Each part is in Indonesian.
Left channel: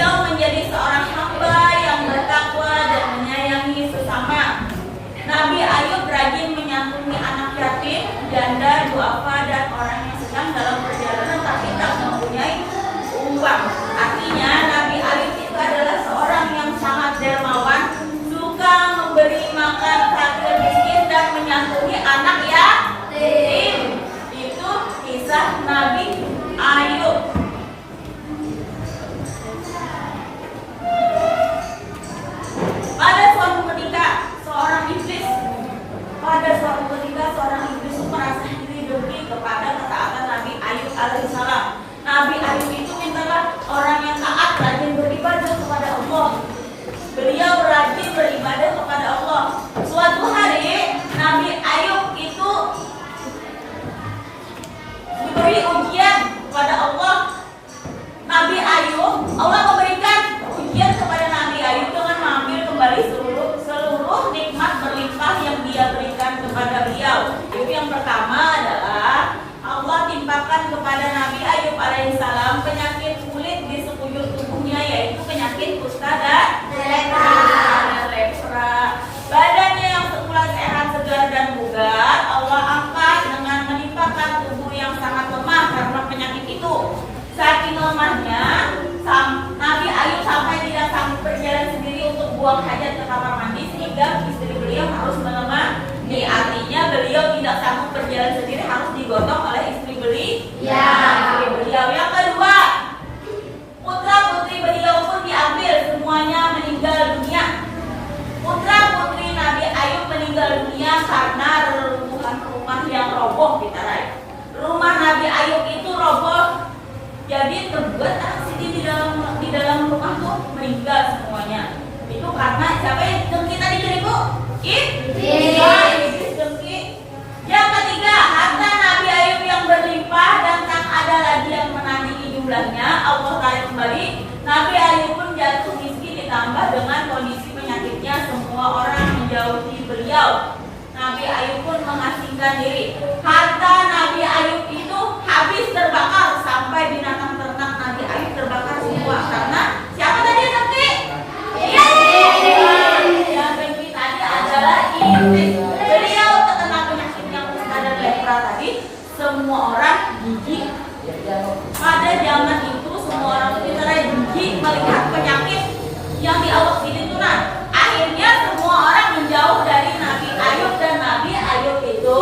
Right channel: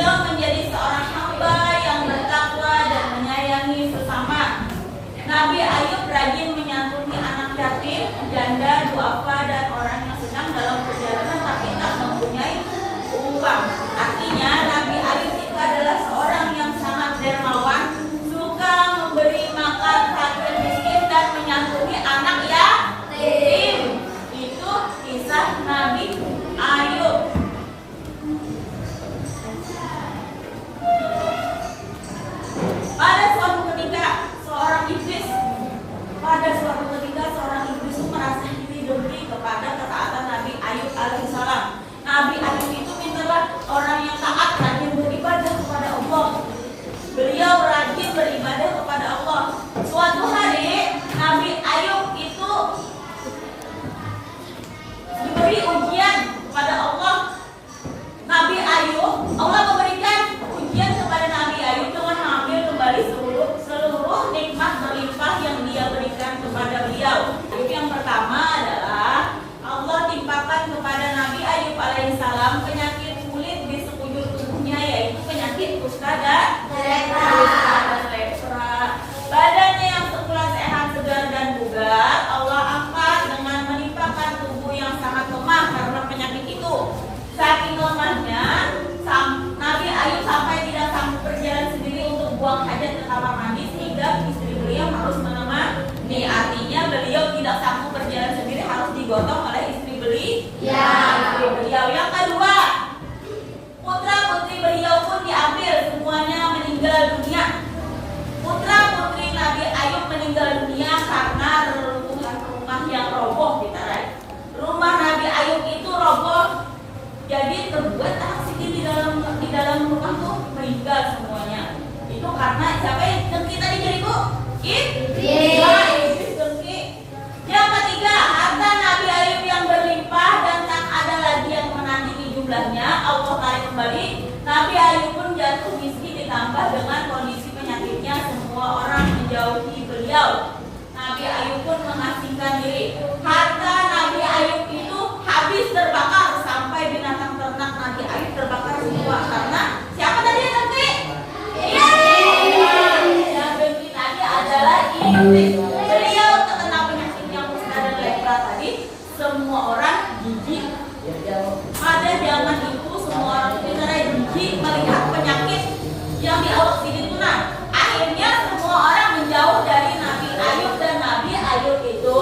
beliau menjadi seorang hamba yang bertakwa dan menyayangi sesama. Nabi Ayub rajin menyantuni anak yatim, janda, duafa, dan orang yang sedang dalam perjalanan tapi tak mempunyai uang. Artinya Nabi Ayub itu adalah seorang yang sangat dermawan, suka memberi makan fakir miskin dan menyantuni anak yatim. Itu kisah Nabi Ayub. Pada suatu ketika seorang iblis merasa iri dengki kepada ketaatan Nabi Ayub alaihissalam. Nabi Ayub itu mintalah orang yang taat, rajin beribadah kepada Allah. Beliau rajin beribadah kepada Allah. Suatu hari Nabi Ayub itu diberi ujian kepada Allah. Nabi Ayub, Allah memberikan ujian kepada Nabi Ayub dengan mengambil kembali seluruh nikmat berlimpah yang dia berikan kepada beliau. Yang pertama adalah Allah timpakan kepada Nabi Ayub alaihissalam penyakit kulit di sekujur tubuhnya, yaitu penyakit kusta dan lepra. Badannya yang semula sehat, segar dan bugar, Allah angkat dengan menimpakan tubuh yang sangat lemah karena penyakit itu. Saking lemahnya, Nabi Ayub sampai tidak sanggup berjalan sendiri untuk buang hajat ke kamar mandi, sehingga istri beliau harus menemani. Artinya beliau tidak sanggup berjalan sendiri, harus digotong oleh istri beliau. Yang kedua, putra putri beliau pun diambil, semuanya meninggal dunia. Putra putri Nabi Ayub meninggal dunia karena reruntuhan rumah yang roboh ditarai. Rumah Nabi Ayub itu roboh, jadi terbuat aksi di dalam rumah tuh meninggal semuanya. Itu karena siapa yang dengki tadi Bu? Iblis dengki. Yang ketiga, harta Nabi Ayub yang berlimpah dan tak ada lagi yang menandingi jumlahnya, Allah tarik kembali. Nabi Ayub pun jatuh miskin, ditambah dengan kondisi penyakitnya, semua orang menjauhi beliau. Nabi Ayub pun mengasingkan diri. Harta Nabi Ayub itu habis terbakar, sampai binatang ternak Nabi Ayub terbakar semua. Karena siapa tadi yang dengki? Yang dengki tadi adalah iblis. Beliau terkena penyakit yang kusta dan lepra tadi. Semua orang jijik. Pada zaman itu semua orang kita jijik melihat penyakit yang diawasi itu. Akhirnya semua orang menjauh dari Nabi Ayub, dan Nabi Ayub itu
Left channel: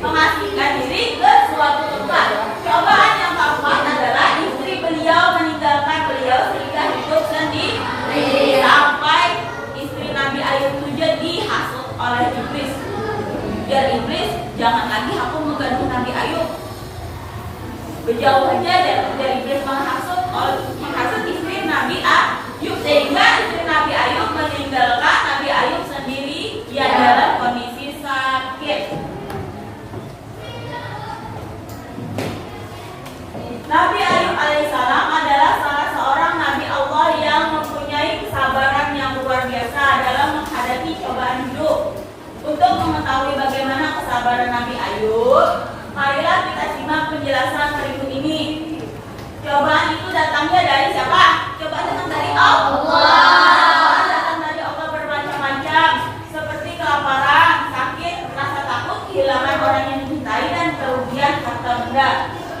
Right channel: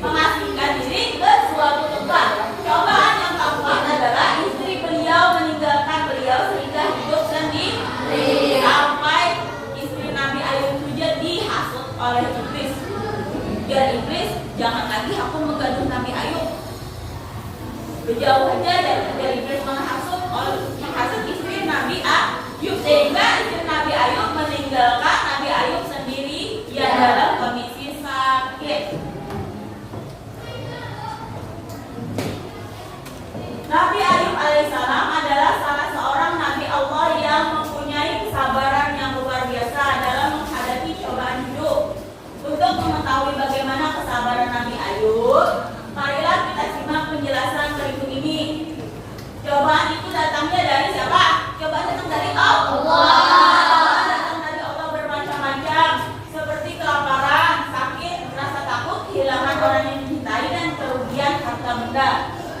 mengasingkan diri ke suatu tempat. Cobaan yang keempat adalah istri beliau meninggalkan beliau sehingga hidup sendiri, sampai istri Nabi Ayub itu dihasut oleh iblis. Biar iblis jangan lagi aku menggaduh Nabi Ayub, berjauh aja dari iblis menghasut istri Nabi Ayub, sehingga istri Nabi Ayub meninggalkan Nabi Ayub sendiri yang dalam kondisi sakit. Nabi Ayub alaihissalam adalah salah seorang Nabi Allah yang mempunyai kesabaran yang luar biasa dalam menghadapi cobaan hidup. Untuk mengetahui bagaimana kesabaran Nabi Ayub, marilah kita simak penjelasan berikut ini. Cobaan itu datangnya dari siapa? Cobaan datang dari Allah. Datang dari Allah bermacam-macam, seperti kelaparan, sakit, rasa takut, kehilangan orang yang dicintai, dan kerugian harta benda.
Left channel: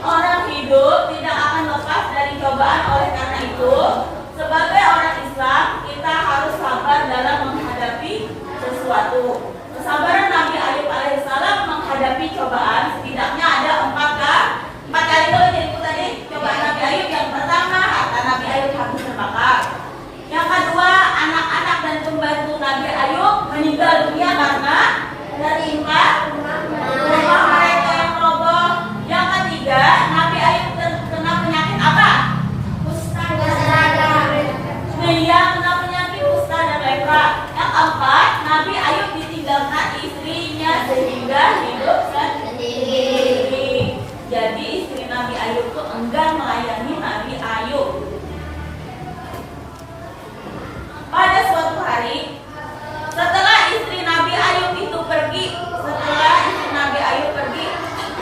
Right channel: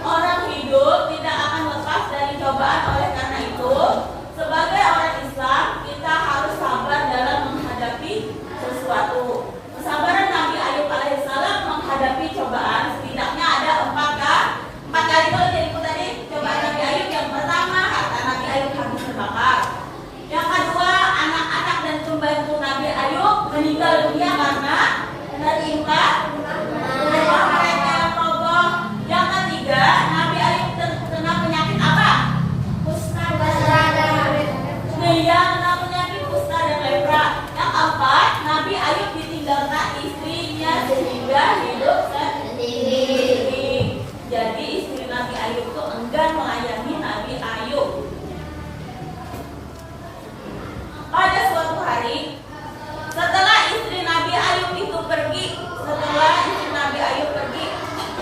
Orang hidup tidak akan lepas dari cobaan. Oleh karena itu, sebagai orang Islam, kita harus sabar dalam menghadapi sesuatu. Kesabaran Nabi Ayub alaihissalam menghadapi cobaan setidaknya ada empat kali dulu tadi cobaan Nabi Ayub. Yang pertama, harta Nabi Ayub habis terbakar. Yang kedua, anak-anak dan pembantu Nabi Ayub meninggal dunia karena tertimpa rumah mereka yang roboh. Yang ketiga, Nabi Ayub terkena penyakit apa? Kusta dan lepra. Yang keempat, Nabi Ayub ditinggalkan istrinya sehingga hidup sendiri. Jadi istri Nabi Ayub itu enggan melayani Nabi Ayub. Pada suatu hari, setelah istri Nabi Ayub itu pergi,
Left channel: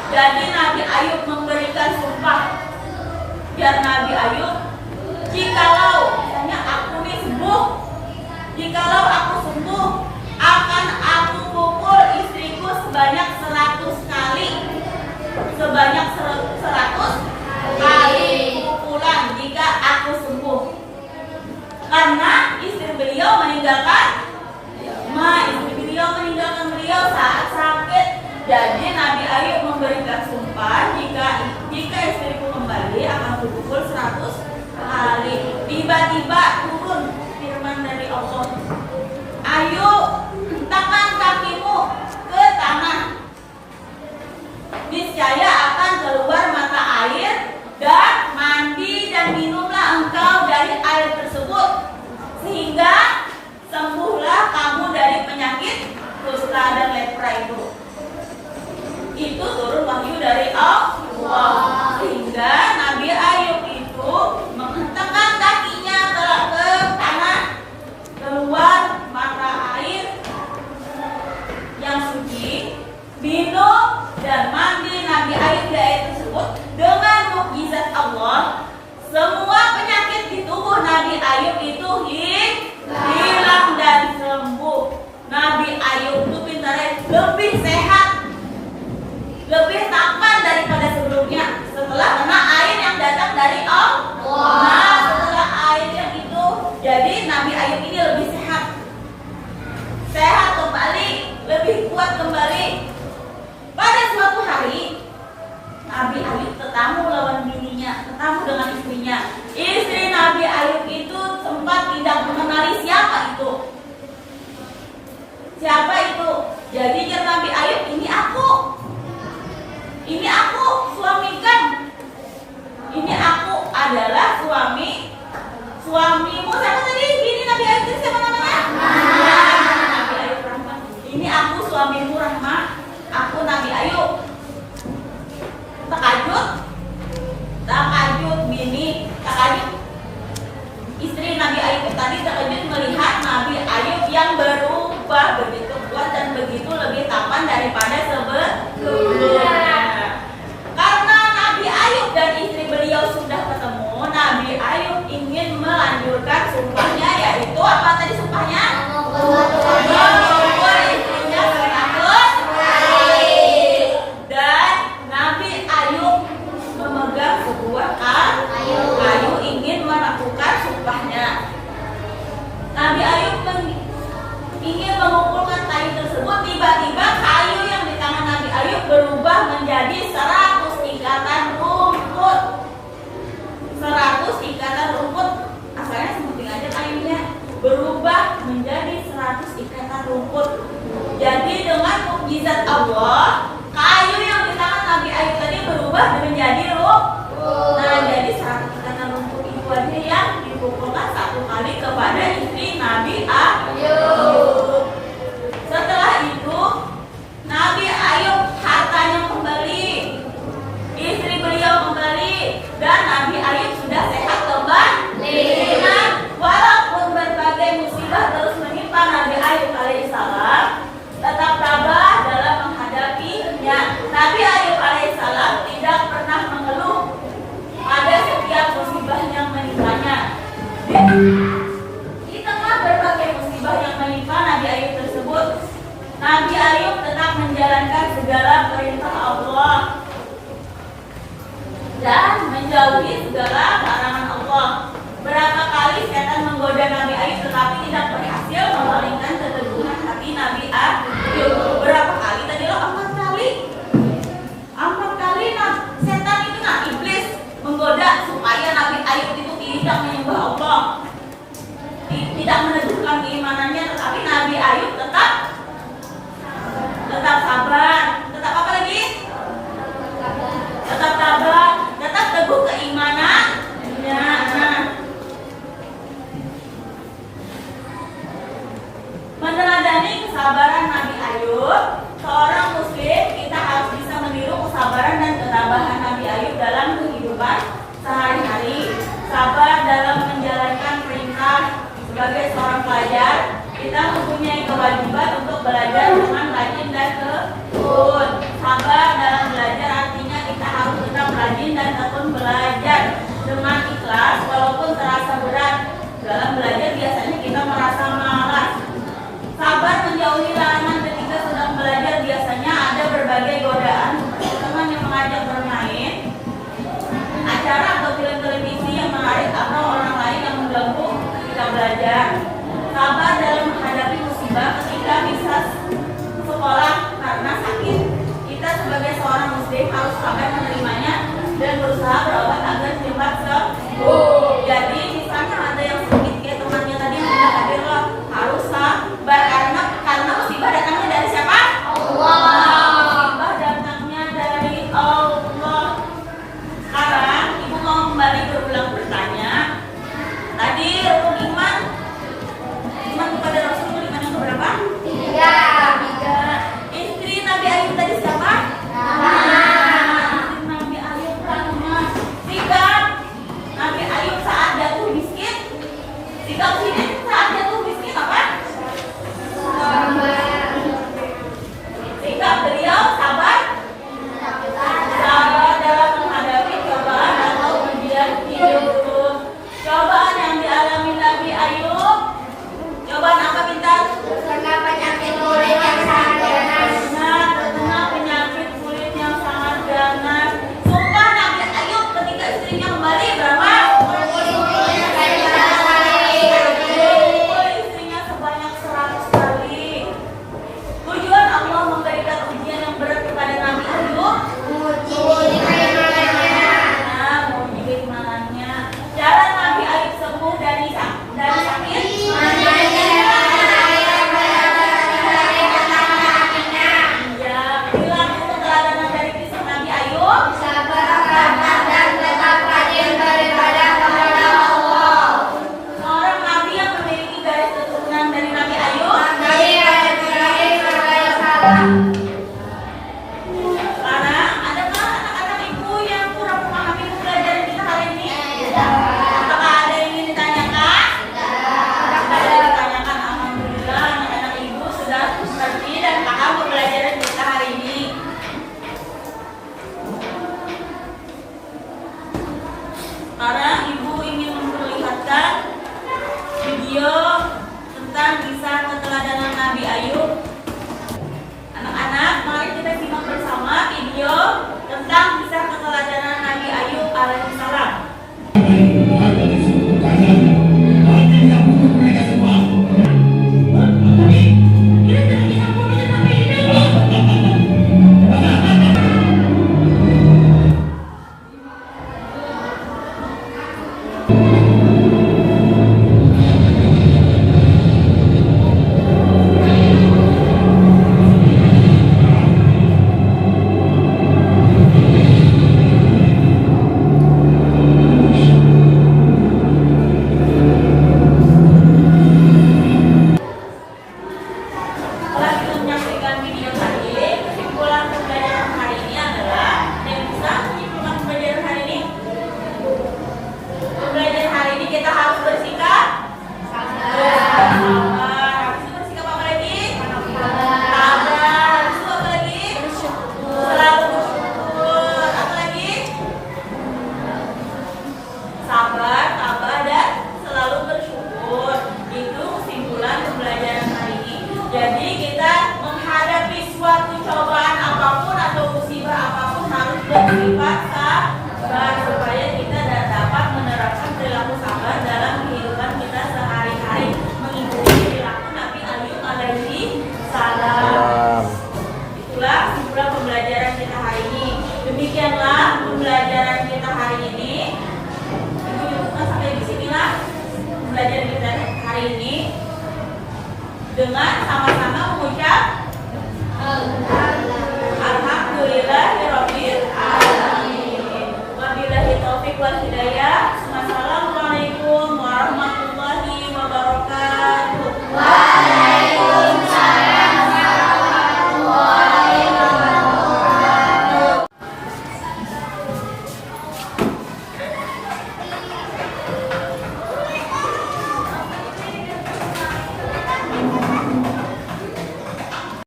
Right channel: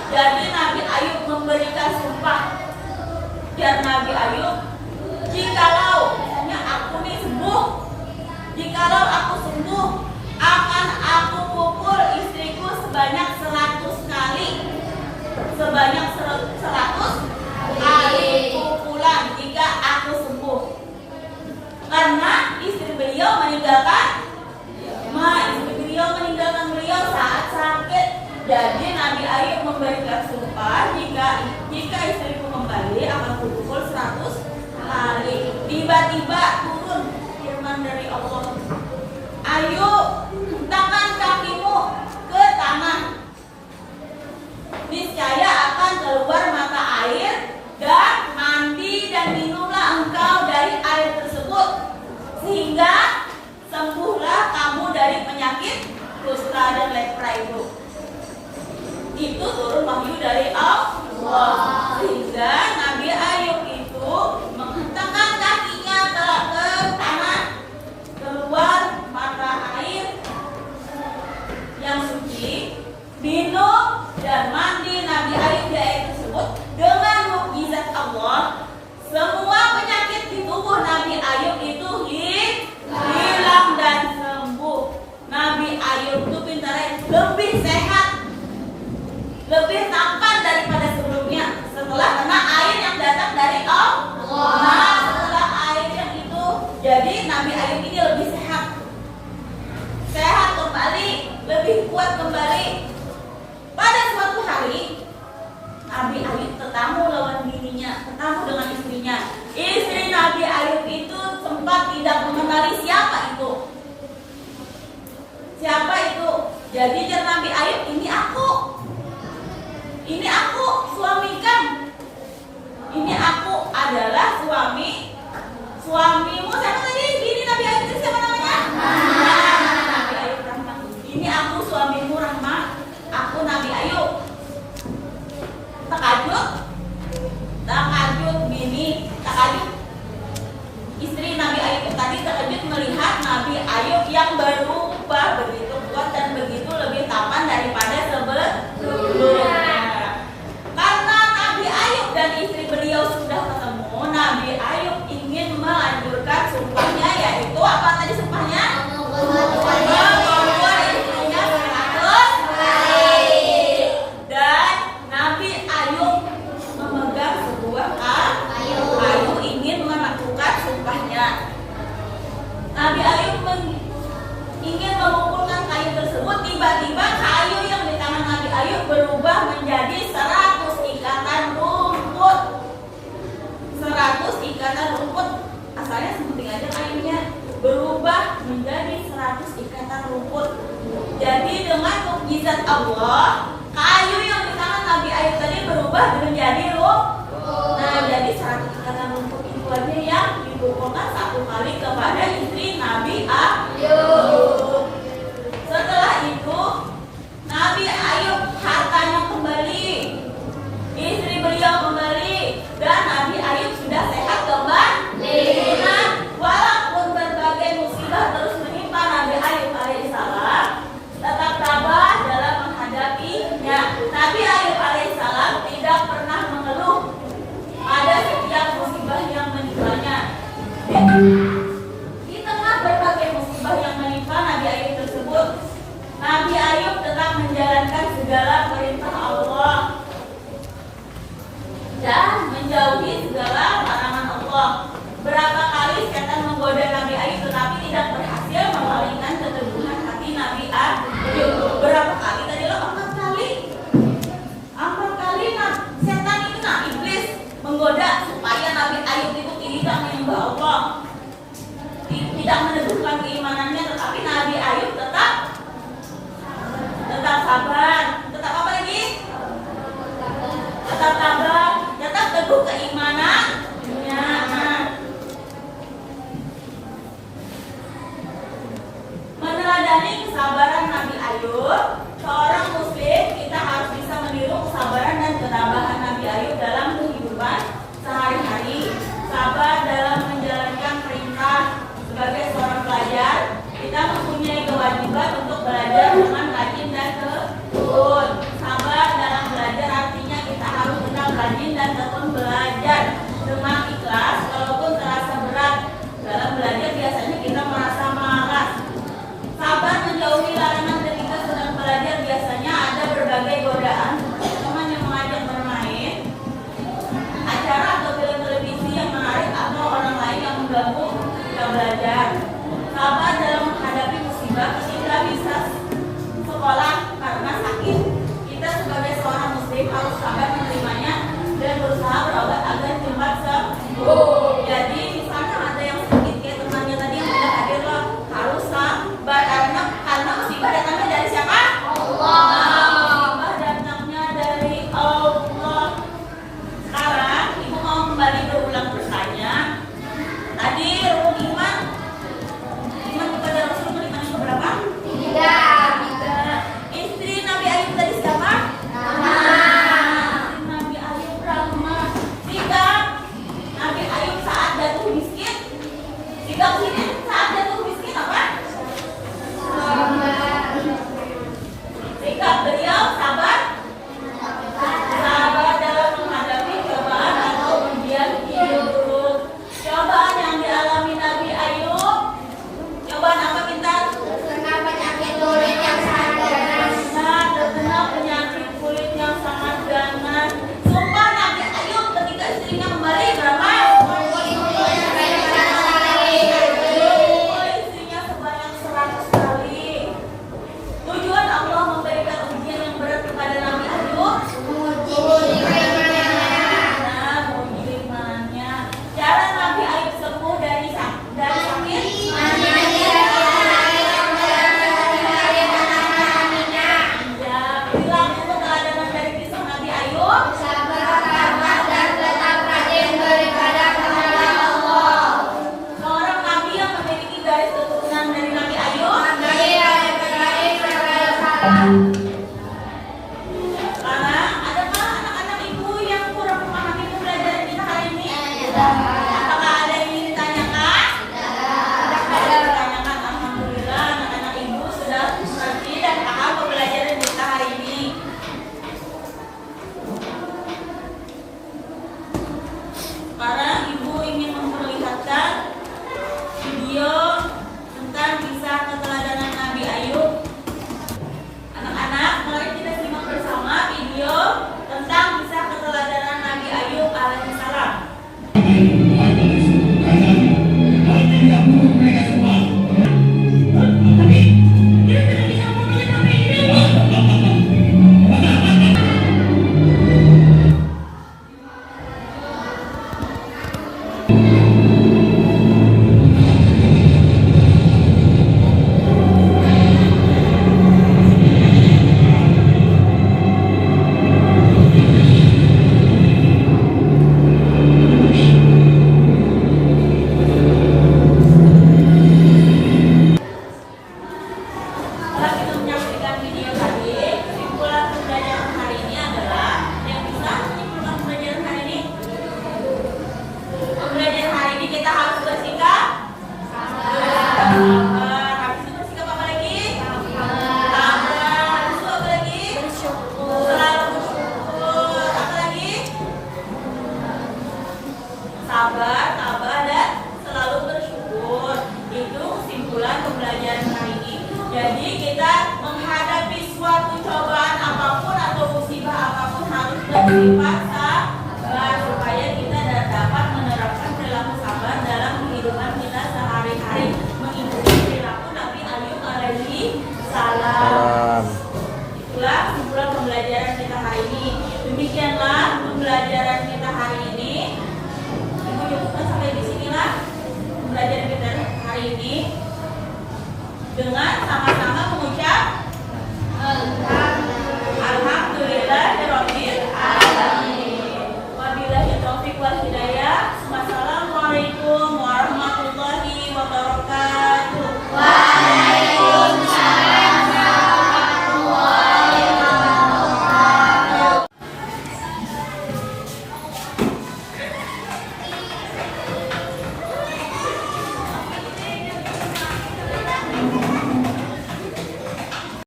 jadi Nabi Ayub memberikan sumpah biar Nabi Ayub Jikalau misalnya aku nih sembuh, jikalau aku sembuh, akan aku pukul istriku sebanyak 100 kali. Sebanyak 100 kali pukulan jika aku sembuh. Karena istri beliau meninggalkan beliau saat sakit. Jadi Nabi Ayub memberikan sumpah, jika istriku kembali akan kupukul 100 kali. Tiba-tiba turun firman dari Allah, ayo hentangkan kakimu ke tanah, niscaya akan keluar mata air, dan mandi dan minumlah engkau dari air tersebut, sehingga sembuhlah kamu dari penyakit kusta dan lepra itu. Itu turun wahyu dari Allah, sehingga Nabi Ayub itu menghentakkan kakinya ke tanah, keluar mata air yang suci, minum dan mandi Nabi Ayub di air tersebut. Dengan mukjizat Allah, semua penyakit di tubuh Nabi Ayub itu hilang dan sembuh. Nabi Ayub itu pintarnya lebih sehat, lebih tampan daripada sebelumnya setelah kena air yang datang dari Allah. Nah, setelah air yang itu, jadi Nabi Ayub ini lebih sehat kembali, lebih kuat kembali. Pada suatu hari Nabi Ayub ketemu lawan bininya, ketemu dengan istrinya. Istri Nabi Ayub itu sempat tidak mengenali siapa itu. Siapa itu? Jadi dia Nabi Ayub, ini aku suami kan. Ini aku adalah suamimu. Siapa tadi? Ini Nabi Ayub itu siapa namanya? Nabi Ayub Rahmah. Ini aku suamimu Rahmah. Aku Nabi Ayub. Takajub bini, takajub istri Nabi Ayub tadi takajub melihat Nabi Ayub yang berubah begitu kuat dan begitu lebih tampan daripada sebelumnya. Karena Nabi Ayub dan istri beliau sudah ketemu, Nabi Ayub ingin melanjutkan sumpahnya, yaitu apa tadi sumpahnya? Istrinya 100 kali. Dan Nabi Ayub memegang sebuah kayu ingin melakukan sumpahnya. Nabi Ayub ingin mengumpulkan kayu tersebut. Tiba-tiba kayu yang di tangan Nabi Ayub berubah menjadi 100 ikatan rumput. 100 ikatan rumput. Asalnya sepenting aja kayunya, berubah menjadi 100 ikatan rumput. Jadi dengan mukjizat Allah, kayu yang di tangan Nabi Ayub tadi berubah menjadi rumput. Nah, jadi 100 ikatan rumput itu aja yang dipukulkan satu kali kepada istri Nabi Ayub. Setelah itu Nabi Ayub hartanya kembali, istri beliau kembali, dan Nabi Ayub sudah sehat kembali. Nah, walaupun berbagai musibah terus menimpa Nabi Ayub alaihissalam, tetap tabah dalam menghadapinya. Nabi Ayub alaihissalam tidak pernah jadi harus sabar menerimanya dan berusaha berobat agar cepat sembuh. Jadi di sana ada yang sakit kayak temannya tadi yang sudah hadir loh, harus sabar karena musibah datangnya dari siapa? Allah. Musibah datangnya dari Allah. Sekarang ibu mau kembali berulang bertanya. Tadi rukun iman kepada Rasul iman yang keberapa? 3. Istri Nabi Ayub tadi siapa? Istri Nabi Ayub Rahmah. Sikap Nabi Ayub saat jatuh miskin. Sikap sini saat jatuh miskin apa? Sikap beliau sabar. Sabar dalam menghadapi cobaan atau ujian hidup. Cobaan yang dialami Nabi Ayub. Cobaan apa Bintang? Terkena penyakit kulit yang sangat ganas. Terkena penyakit kulit yang sangat ganas. Sumpah Nabi Ayub ketika istrinya kembali berapa? Istrinya sebanyak 100 kali. Tujuan Allah memberikan ujian yang berat kepada Nabi Ayub. Menguji keimanannya. Cara Nabi Ayub sembuh dari sakit. Sekarang, adakah anak-anak ibu yang kurang memahami pembelajaran kita hari ini? Apakah ada yang ingin ditanyakan? Ada yang ditanyakan. Alhamdulillah, anak-anak ibu sudah mengerti dan paham pembelajaran kita hari ini. Sekarang ibu ingin memperlihatkan video tentang kisah keteladanan Nabi Ayub. Anak-anak, mari kita simak bersama video tentang kisah keteladanan Nabi Ayub alaihissalam. Setelah kita menyaksikan video tadi, kesimpulan pembelajaran hari ini adalah yang bisa menyimpulkan pembelajaran hari ini. Pembelajaran hari ini kita harus bersikap sabar. Habis itu bersikap apa lagi? Sabar. Habis itu apa lagi? Selalu bersyukur. Apa lagi? Sabar, tabah dan selalu bersyukur. Itu kesimpulan pembelajaran hari ini. Jadi kita menghadapi suatu cobaan apapun atau musibah apapun harus bersifat sabar supaya kita dapat menerapkan perilaku sabar dalam kehidupan kita sehari-hari, mengikuti perilaku Nabi Ayub alaihi salam. Itulah kesimpulan pembelajaran kita hari ini. Demikianlah pembelajaran kita hari ini. Ibu cukupkan sampai di sinilah pembelajaran kita hari ini. Dengan sama-sama mengucap